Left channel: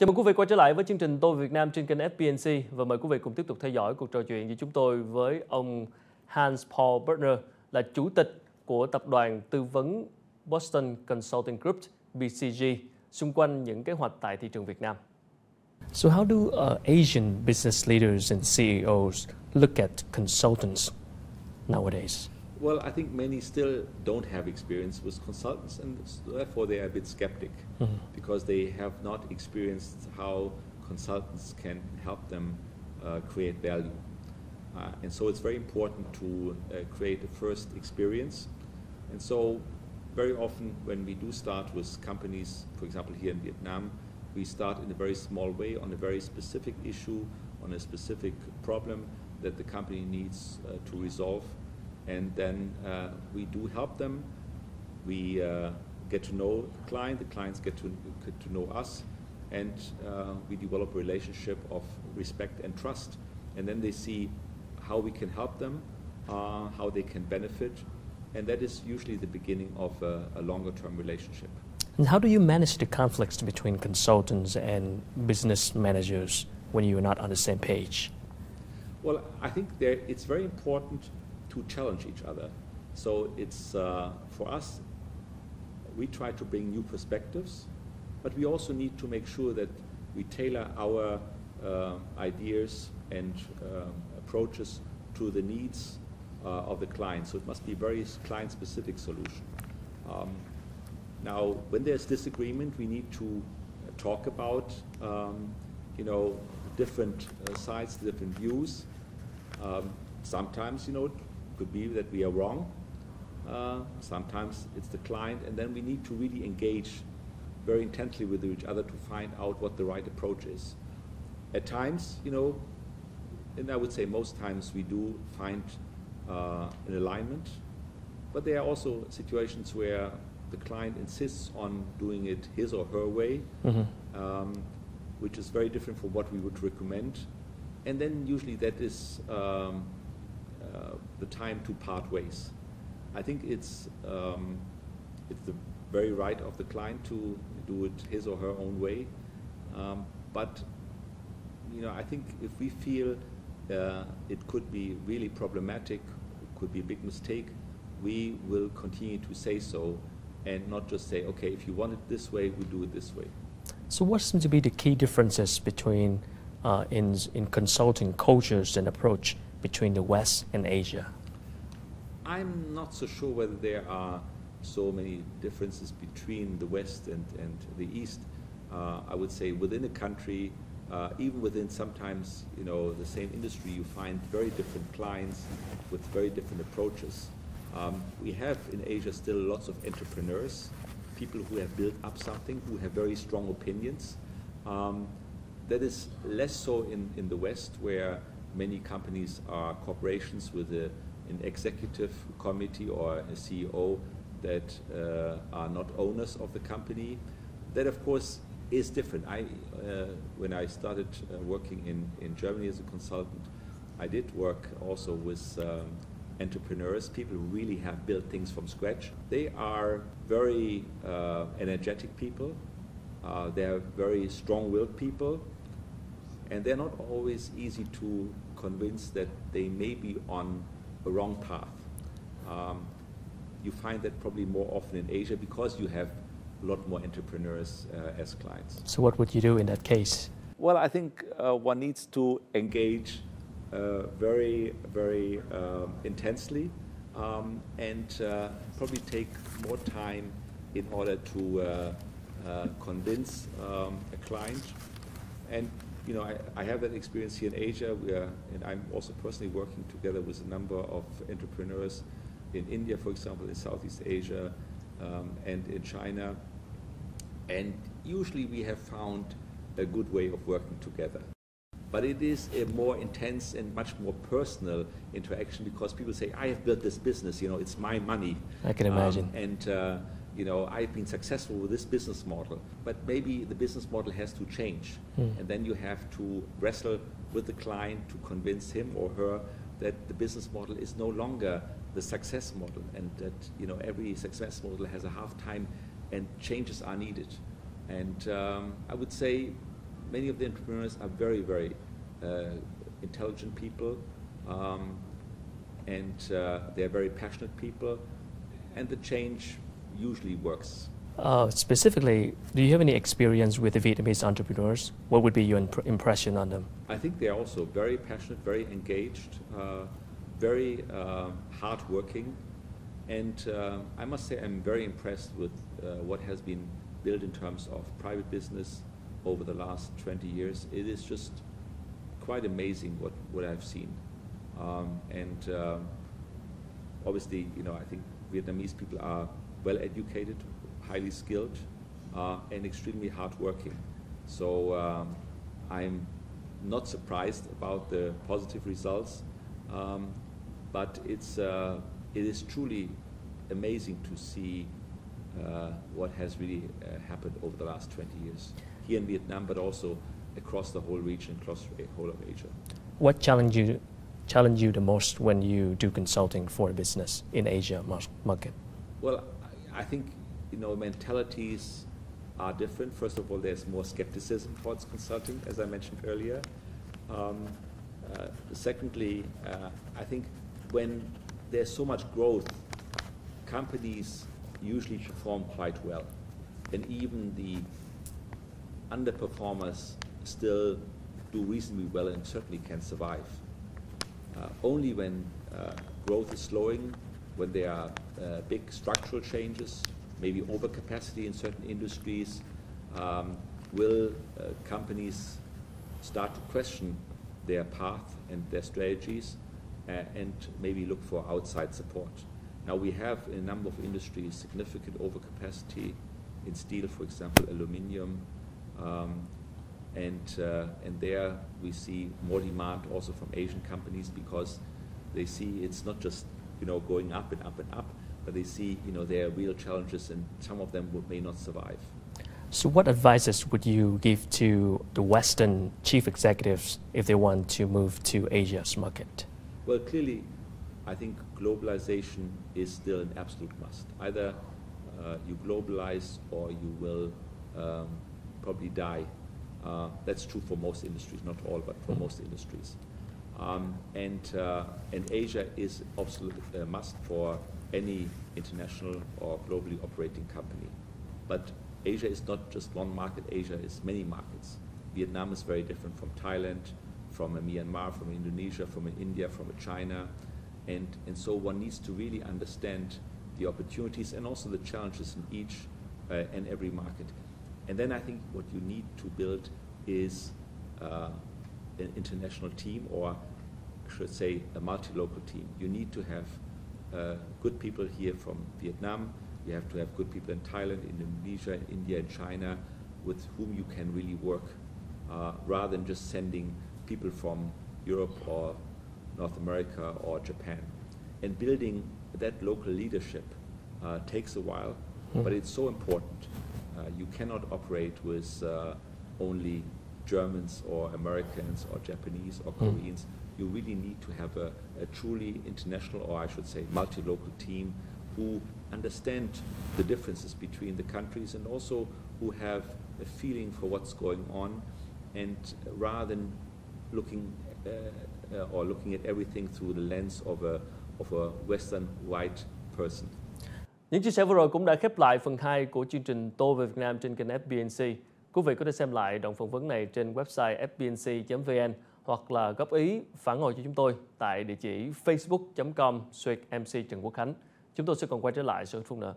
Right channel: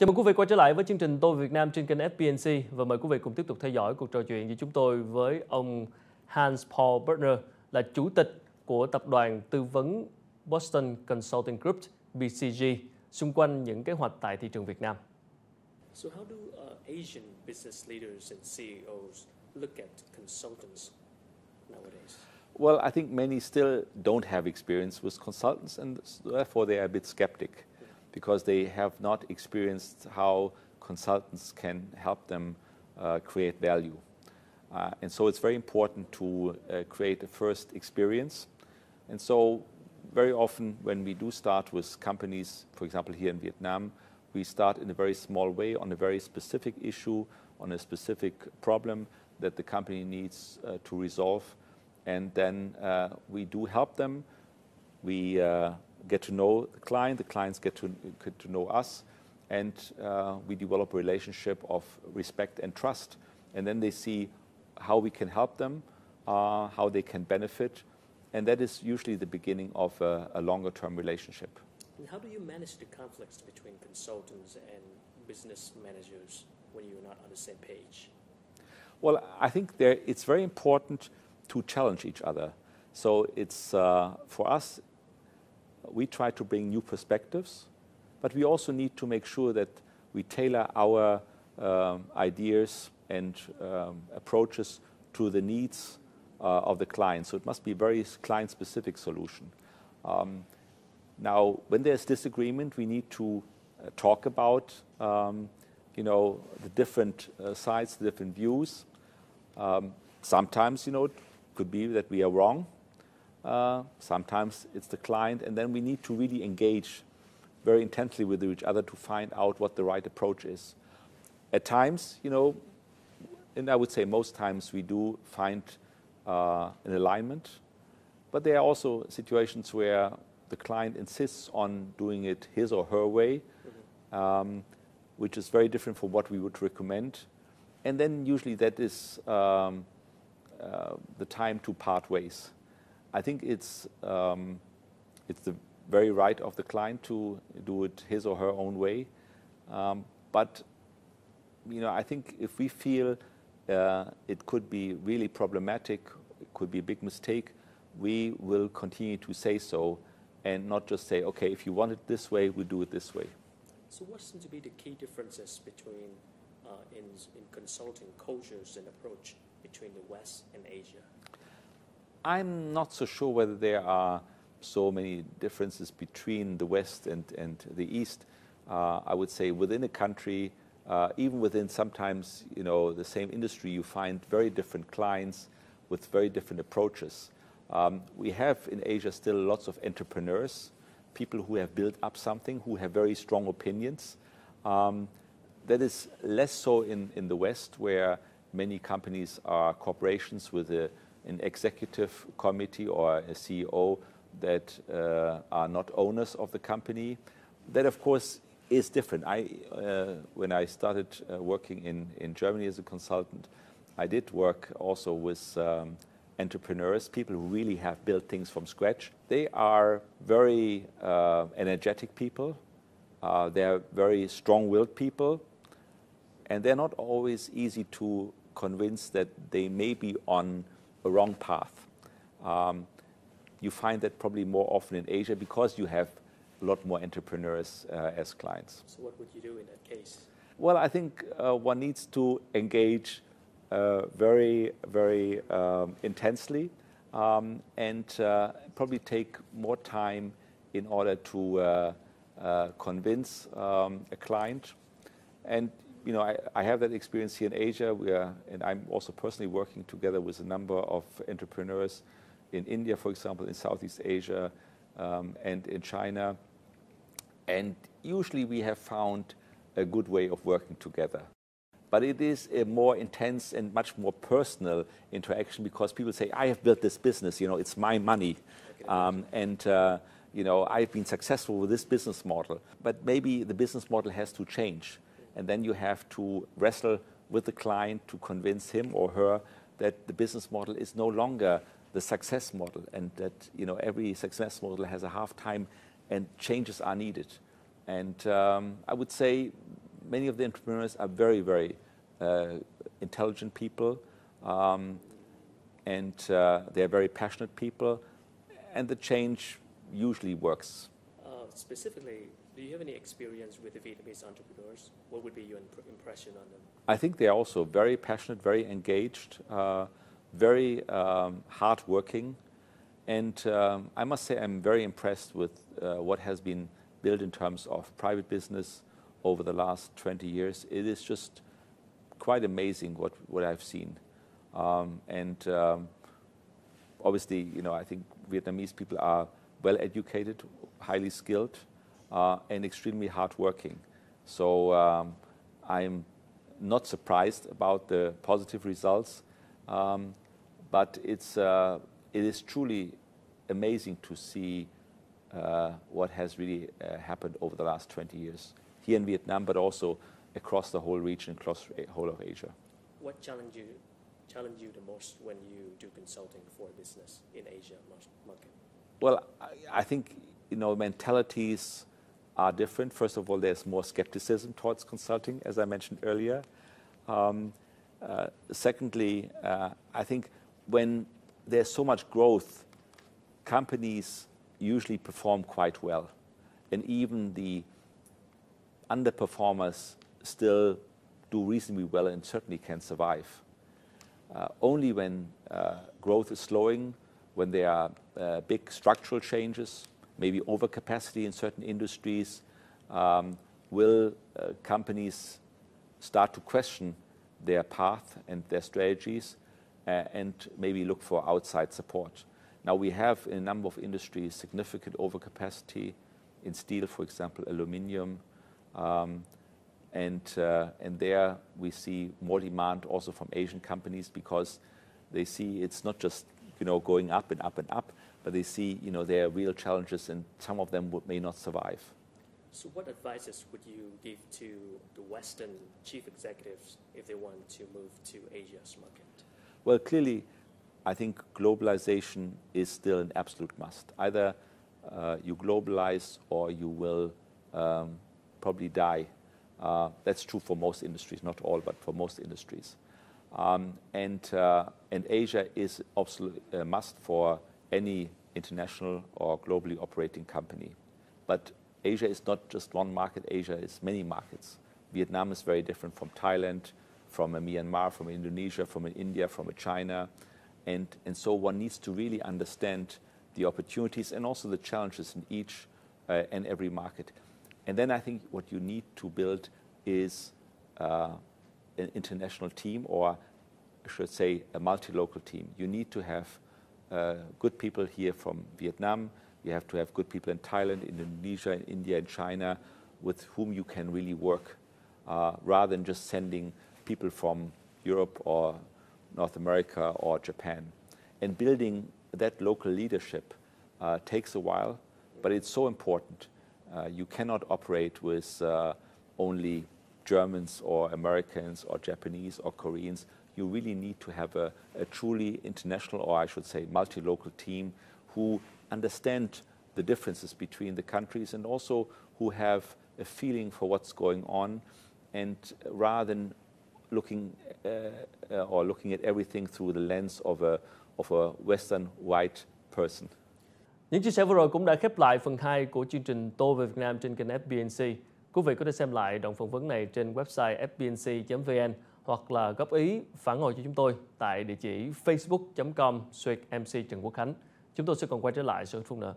Chào mừng quý vị quay trở lại với chương trình Tôi Việt Nam trên kênh FPNC và mời quý vị cùng tiếp tục theo dõi cuộc trò chuyện với chúng tôi với ông Hans-Paul Burkner là chủ tịch của tập đoàn tư vấn Boston Consulting Group BCG xung quanh những kế hoạch tại thị trường Việt Nam. So how do Asian business leaders and CEOs look at consultants nowadays? Well, I think many still don't have experience with consultants, and therefore they are a bit skeptic because they have not experienced how consultants can help them create value. And so it's very important to create a first experience. And so very often when we do start with companies, for example here in Vietnam, we start in a very small way on a very specific issue, on a specific problem that the company needs to resolve. And then we do help them. We get to know the clients get to know us, and we develop a relationship of respect and trust. And then they see how we can help them, how they can benefit, and that is usually the beginning of a longer-term relationship. And how do you manage the conflicts between consultants and business managers when you are not on the same page? Well, I think it's very important to challenge each other. So it's, for us, we try to bring new perspectives, but we also need to make sure that we tailor our ideas and approaches to the needs of the client. So it must be a very client-specific solution. Now, when there's disagreement, we need to talk about, the different sides, the different views. Sometimes, it could be that we are wrong. Sometimes it's the client, and then we need to really engage very intensely with each other to find out what the right approach is. At times, and I would say most times we do find an alignment, but there are also situations where the client insists on doing it his or her way, which is very different from what we would recommend. And then usually that is the time to part ways. I think it's the very right of the client to do it his or her own way. But I think if we feel it could be really problematic, it could be a big mistake, we will continue to say so and not just say, okay, if you want it this way, we'll do it this way. So what seem to be the key differences between in consulting cultures and approach between the West and Asia? I'm not so sure whether there are so many differences between the West and the East. I would say within a country, even within sometimes the same industry, you find very different clients with very different approaches. We have in Asia still lots of entrepreneurs, people who have built up something, who have very strong opinions. That is less so in the West, where many companies are corporations with an executive committee or a CEO that are not owners of the company. That, of course, is different. When I started working in Germany as a consultant, I did work also with entrepreneurs, people who really have built things from scratch. They are very energetic people. They are very strong-willed people. And they're not always easy to convince that they may be on a wrong path. You find that probably more often in Asia because you have a lot more entrepreneurs as clients. So what would you do in that case? Well, I think one needs to engage very, very intensely and probably take more time in order to convince a client. And I have that experience here in Asia, and I'm also personally working together with a number of entrepreneurs in India, for example, in Southeast Asia, and in China. And usually we have found a good way of working together. But it is a more intense and much more personal interaction because people say, I have built this business, it's my money. I can imagine. I've been successful with this business model, but maybe the business model has to change. And then you have to wrestle with the client to convince him or her that the business model is no longer the success model and that every success model has a half time and changes are needed. And I would say many of the entrepreneurs are very, very intelligent people, and they're very passionate people, and the change usually works. Specifically, do you have any experience with the Vietnamese entrepreneurs? What would be your impression on them? I think they are also very passionate, very engaged, very hardworking, and I must say I'm very impressed with what has been built in terms of private business over the last 20 years. It is just quite amazing what I've seen, and obviously, I think Vietnamese people are well educated, highly skilled, and extremely hardworking. So I'm not surprised about the positive results, but it is truly amazing to see what has really happened over the last 20 years here in Vietnam, but also across the whole region, across the whole of Asia. What challenge you the most when you do consulting for a business in Asia market? Well, I think mentalities are different. First of all, there's more skepticism towards consulting, as I mentioned earlier. Secondly, I think when there's so much growth, companies usually perform quite well, and even the underperformers still do reasonably well and certainly can survive. Only when growth is slowing, when there are big structural changes, maybe overcapacity in certain industries, will companies start to question their path and their strategies and maybe look for outside support. Now we have in a number of industries significant overcapacity in steel, for example, aluminium, and there we see more demand also from Asian companies because they see it's not just going up and up and up, but they see there are real challenges and some of them may not survive. So what advices would you give to the Western chief executives if they want to move to Asia's market? Well, clearly, I think globalization is still an absolute must. Either you globalize or you will probably die. That's true for most industries, not all, but for most industries. And Asia is absolutely a must for any international or globally operating company. But Asia is not just one market. Asia is many markets. Vietnam is very different from Thailand, from Myanmar, from Indonesia, from India, from China. And so one needs to really understand the opportunities and also the challenges in each and every market. And then I think what you need to build is an international team, or I should say a multi-local team. You need to have good people here from Vietnam. You have to have good people in Thailand, Indonesia, India, and China with whom you can really work rather than just sending people from Europe or North America or Japan. And building that local leadership takes a while, but it's so important. You cannot operate with only Germans or Americans or Japanese or Koreans. You really need to have a truly international, or I should say multi-local team who understand the differences between the countries and also who have a feeling for what's going on, and rather than looking at everything through the lens of a Western white person. Những chia sẻ vừa rồi cũng đã khép lại phần 2 của chương trình Tôi về Việt Nam trên kênh FBNC. Quý vị có thể xem lại đoạn phỏng vấn này trên website fbnc.vn hoặc là góp ý, phản hồi cho chúng tôi tại địa chỉ facebook.com/MC Trần Quốc Khánh. Chúng tôi sẽ còn quay trở lại sau ít phút nữa.